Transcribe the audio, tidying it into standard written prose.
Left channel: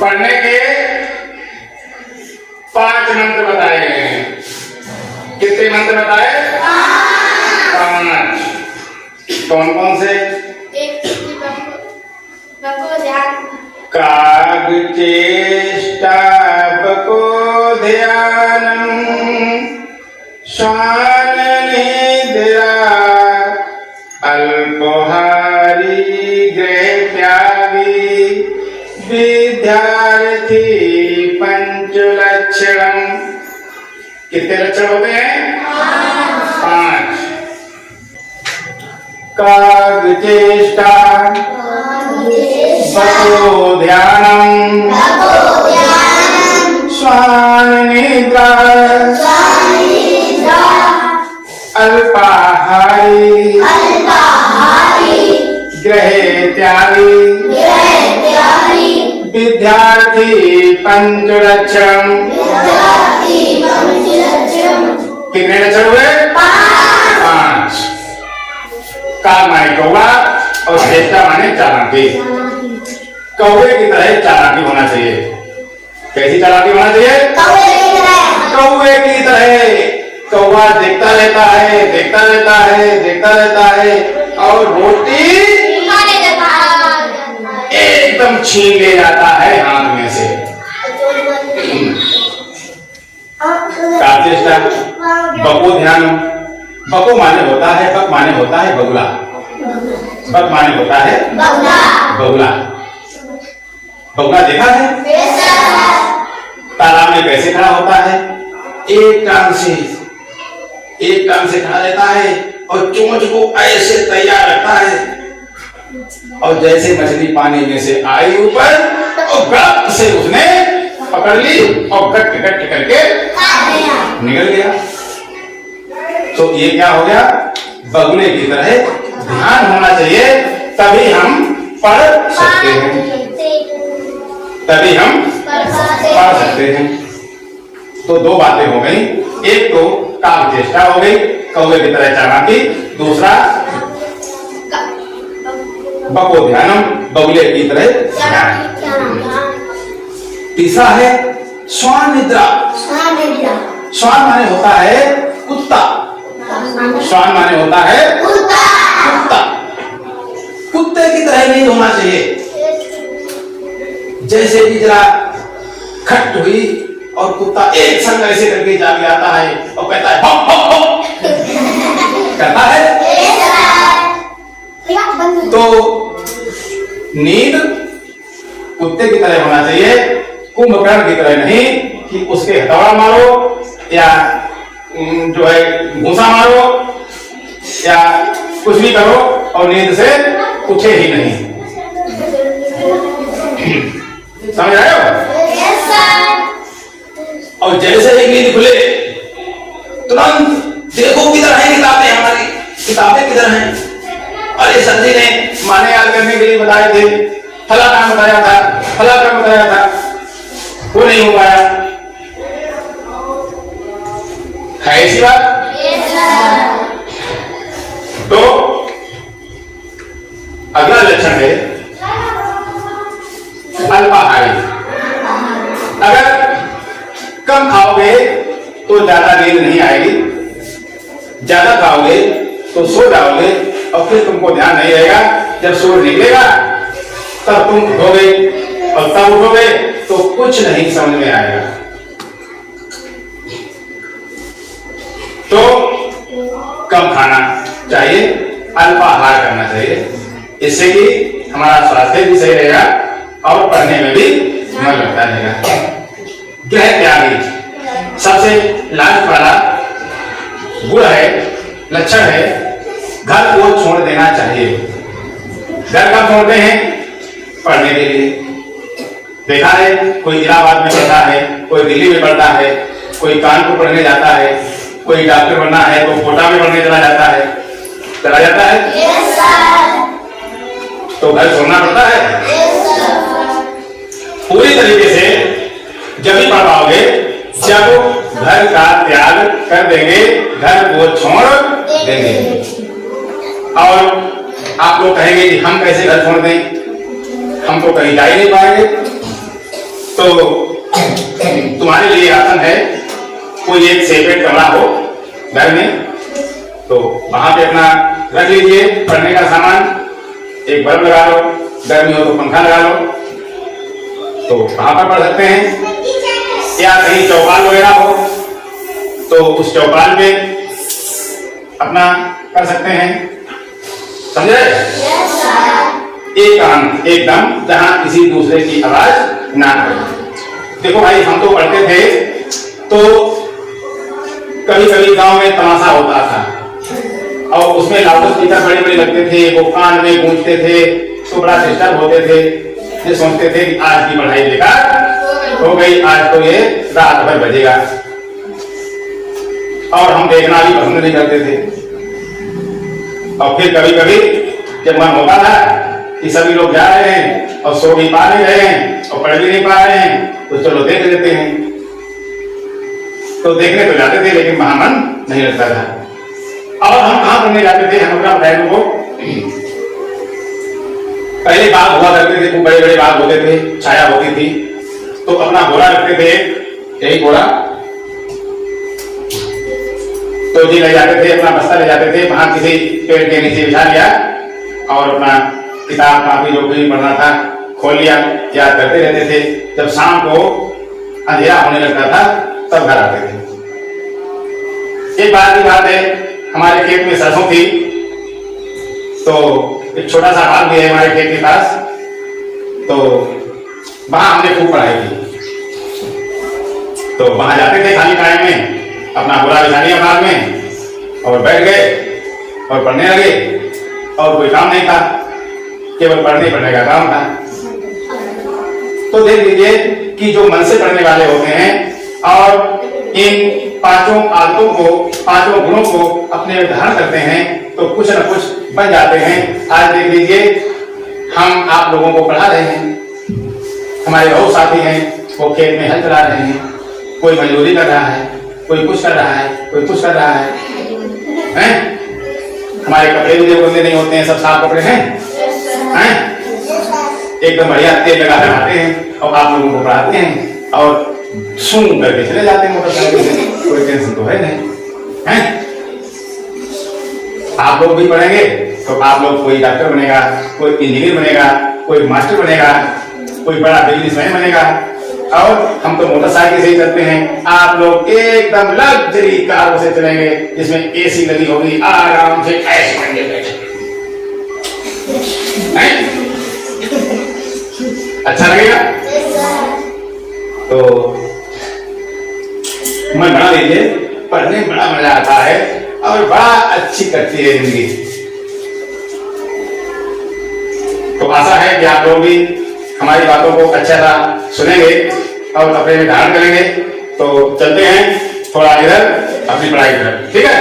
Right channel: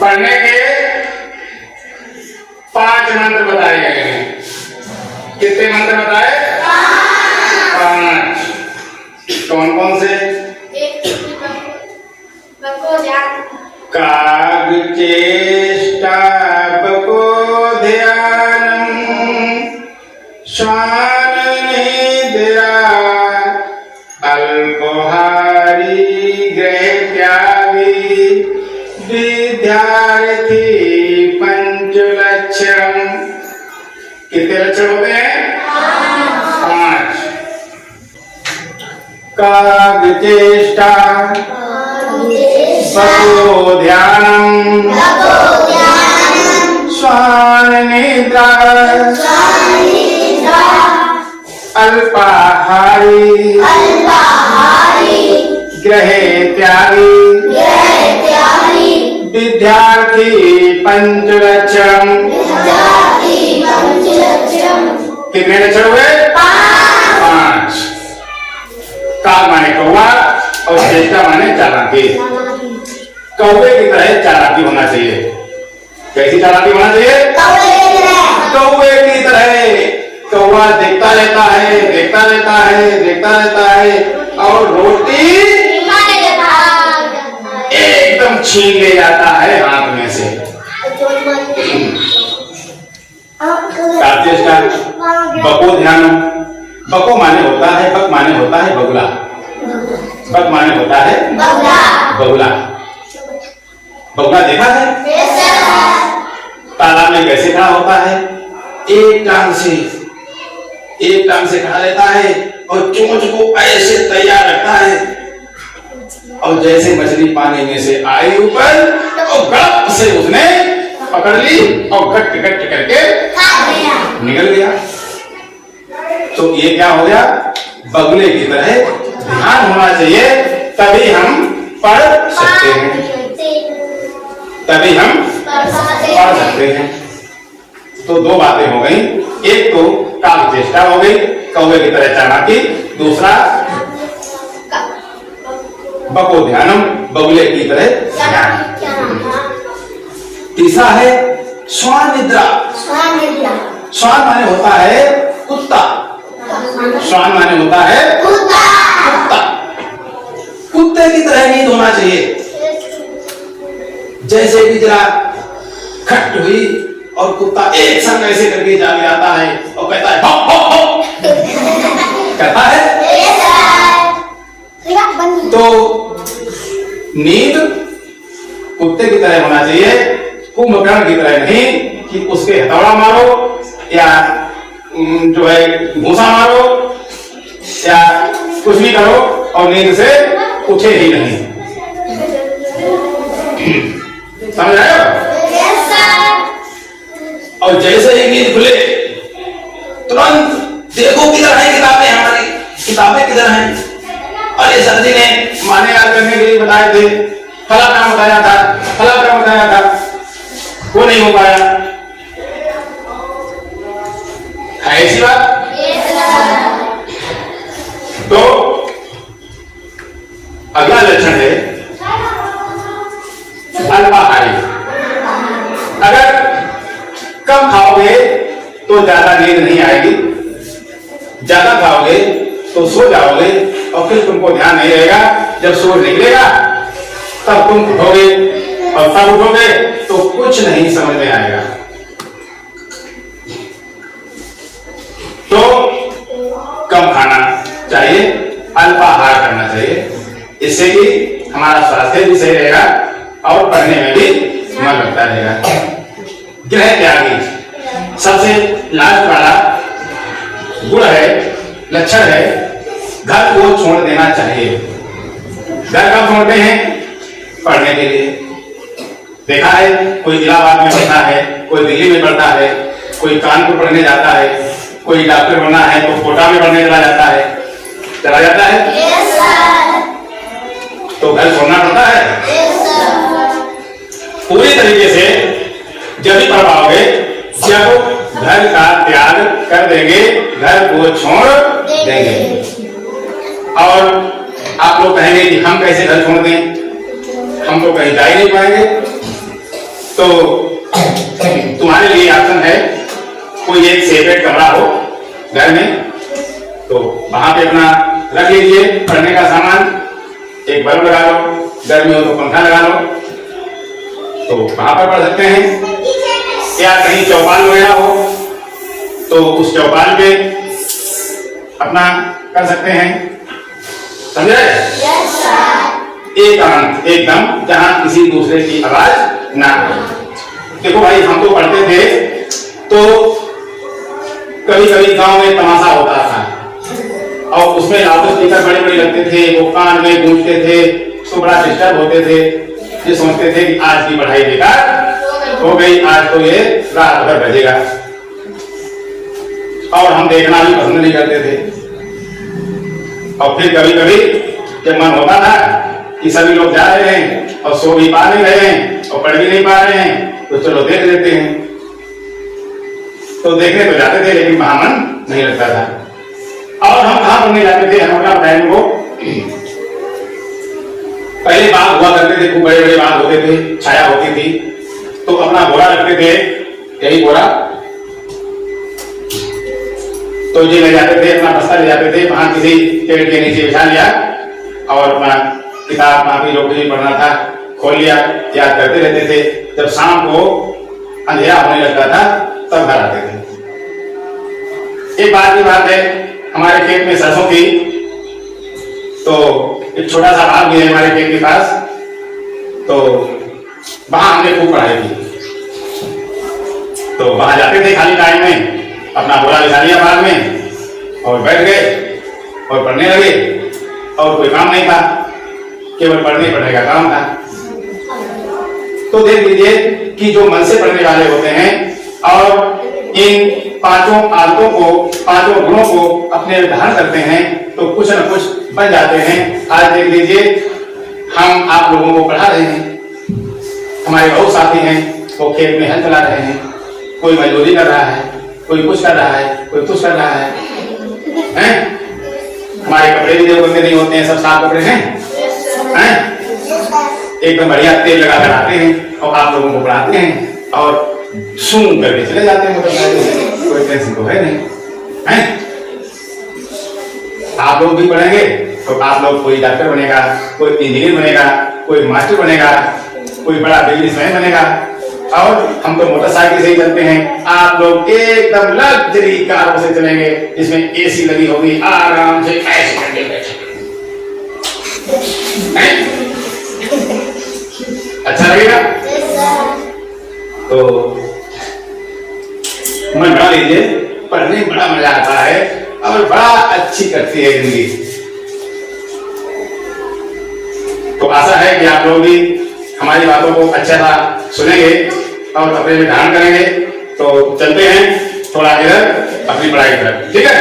पढ़ने के 5 मंत्र बताए गए हैं। कितने मंत्र बताए? 5। कौन कौन से? काग चेष्टा बको ध्यानम श्वान निद्रा अल्पोहारी गृह त्यागी विद्यार्थी पंचलक्षण। कितने लक्षण होते हैं? 5। काग चेष्टा बको ध्यानम श्वान निद्रा अल्पाहारी गृह त्यागी विद्यार्थी पंचलक्षण। कितने लक्षण हुए? 5। काग माने कौवा और चेष्टा माने चालाकी। कौवे की तरह चालाकी होना चाहिए। कैसी चालाकी होना चाहिए? कौवे की तरह। कौवा देखता रहता है, देखता रहता है, देखता रहता है और रोटी एकदम छीन ले जाता है हाथ में से। चेष्टा बको ध्यान। बको माने होता है, बक माने होता है बगुला। बक माने होता है बगुला। बगुला देखा है? तालाब में कैसे खड़ा होता है? एक टांग से खड़ा रहता है और चोंच को ऐसे तैयार रखता है और जैसे मछली पानी में से आई ऊपर और गड़प से उसने पकड़ ली और गट करके निकल गया। तो ये क्या हो गया? बगुले की तरह ध्यान होना चाहिए, तभी हम पढ़ सकते हैं, तभी हम पढ़ सकते हैं। तो 2 बातें हो गई। एक तो काग चेष्टा हो गई, कौवे की तरह चालाकी। दूसरा बको ध्यानम, बगुले की तरह ध्यान। तीसरा है श्वान निद्रा। श्वान माने होता है कुत्ता। श्वान माने होता है कुत्ता। कुत्ते की तरह नींद होना चाहिए। जैसे कि जरा खट हुई और कुत्ता एक संग ऐसे करके जाग जाता है और कहता है भौ भौ भौ कहता है। तो नींद कुत्ते की तरह होना चाहिए, कुंभकर्ण की तरह नहीं कि उसके हथौड़ा मारो या जो है भूसा मारो या कुछ भी करो और नींद से उठे ही नहीं। समझ आए हो? और जैसे ही नींद खुले तुरंत देखो किधर है किताबें, हमारी किताबें किधर हैं? अरे सर जी ने माने याद करने के लिए बताए थे, फला काम बताया था, फला काम बताया था, वो नहीं हो पाया। है ऐसी बात? तो अगला लक्षण है अल्पाहारी। अगर कम खाओगे तो ज्यादा नींद नहीं आएगी, ज्यादा खाओगे तो सो जाओगे और फिर तुमको ध्यान नहीं रहेगा। जब सूरज निकलेगा तब तुम उठोगे और तब उठोगे तो कुछ नहीं समझ में आएगा। तो कम खाना चाहिए, अल्पाहार करना चाहिए, इससे कि हमारा स्वास्थ्य भी सही रहेगा और पढ़ने में भी मन लगता रहेगा। गृह त्यागी सबसे लास्ट वाला गुण है, लक्षण है, घर को छोड़ देना चाहिए। घर कब छोड़ते हैं? पढ़ने के लिए। देखा है, कोई इलाहाबाद में पढ़ता है, कोई दिल्ली में पढ़ता है, कोई कानपुर पढ़ने जाता है, कोई डॉक्टर बनना है तो कोटा में पढ़ने चला जाता है। Yes, तो घर छोड़ना पड़ता है। Yes, पूरी तरीके से जब भी पढ़ पाओगे जब घर का त्याग कर देंगे, घर को छोड़ देंगे। और आप लोग कहेंगे कि हम कैसे घर छोड़ दें, हम तो कहीं जा ही नहीं पाएंगे। तो तुम्हारे लिए ऑप्शन है, कोई एक सेपरेट कमरा हो घर में, तो वहां पे अपना रख लीजिए पढ़ने का सामान, एक बल्ब लगा लो, गर्मी हो तो पंखा लगा लो, तो वहां पर पढ़ सकते हैं। या कहीं चौपाल वगैरह हो तो उस चौपाल पे अपना कर सकते हैं, समझे? एकांत एकदम, जहां किसी दूसरे की आवाज ना आए। देखो भाई, हम तो पढ़ते थे तो कभी कभी गांव में तमाशा होता था और उसमें लाउड स्पीकर बड़े बड़े लगते थे, वो कान में गूंजते थे, तो बड़ा डिस्टर्ब होते थे। ये सोचते थे कि आज की पढ़ाई बेकार हो गई, आज तो ये रात भर बजेगा, और हम देखना भी पसंद नहीं करते थे। और फिर कभी कभी जब मन होता था कि सभी लोग जा रहे हैं और सो भी पा नहीं रहे हैं और पढ़ भी नहीं पा रहे हैं, तो चलो देख लेते हैं। तो देखने तो जाते थे, लेकिन वहां मन नहीं लगता था। और हम कहां पढ़ने जाते थे, हम अपना बताएंगे वो, पहले बाग हुआ करते थे, खूब बड़े बड़े बाग होते थे, छाया होती थी, तो अपना बोरा रखते थे, यही बोरा, तो ये ले जाते थे, अपना बस्ता ले जाते थे, वहां किसी पेड़ के नीचे बिछा लिया और अपना किताब कापी जो भी पढ़ना था खोल लिया, याद करते रहते थे। जब शाम को अंधेरा होने लगता था तब घर आते थे। एक बार की बात है, हमारे खेत में सरसों थी, तो एक छोटा सा बाग भी है हमारे खेत के पास, तो वहां हमने खूब पढ़ाई की। तो वहां जाते थे खाली टाइम में, अपना बोरा बिछा लिया बाग में और बैठ गए और पढ़ने लगे, और कोई काम नहीं था, केवल पढ़ने का काम था। तो देख लीजिए कि जो मन से पढ़ने वाले होते हैं और इन पांचों आदतों को, पांचों गुणों को अपने धारण करते हैं, तो कुछ न कुछ बन जाते हैं। आज देख लीजिए, हम आप लोगों को पढ़ा रहे हैं, हमारे बहुत साथी हैं, वो खेत में हल चला रहे हैं, कोई मजदूरी कर रहा है, कोई कुछ कर रहा है, कोई कुछ कर रहा है, हैं? हमारे कपड़े भी देखो गंदे नहीं होते हैं, सब साफ कपड़े हैं, एकदम बढ़िया तेल लगा कर आते हैं और आप लोगों को पढ़ाते हैं और सूंघ करके चले जाते हैं मोटरसाइकिल से, कोई टेंशन तो है नहीं, हैं? आप लोग भी पढ़ेंगे तो आप लोग, कोई डॉक्टर बनेगा, कोई इंजीनियर बनेगा, कोई मास्टर बनेगा, कोई बड़ा बिजनेसमैन बनेगा, और हम तो मोटरसाइकिल से ही चलते हैं। आप लोग एकदम लग्जरी कारों से चलेंगे, जिसमें एसी लगी होगी, आराम से ऐसे करके बैठे, अच्छा लगेगा। तो मन बना लीजिए, पढ़ने में बड़ा मजा आता है और बड़ा अच्छी कटती है जिंदगी। तो आशा है कि आप लोग भी हमारी बातों को अच्छा सा सुनेंगे और अपने में धारण करेंगे। तो चलते हैं थोड़ा इधर अपनी पढ़ाई की तरफ, ठीक है?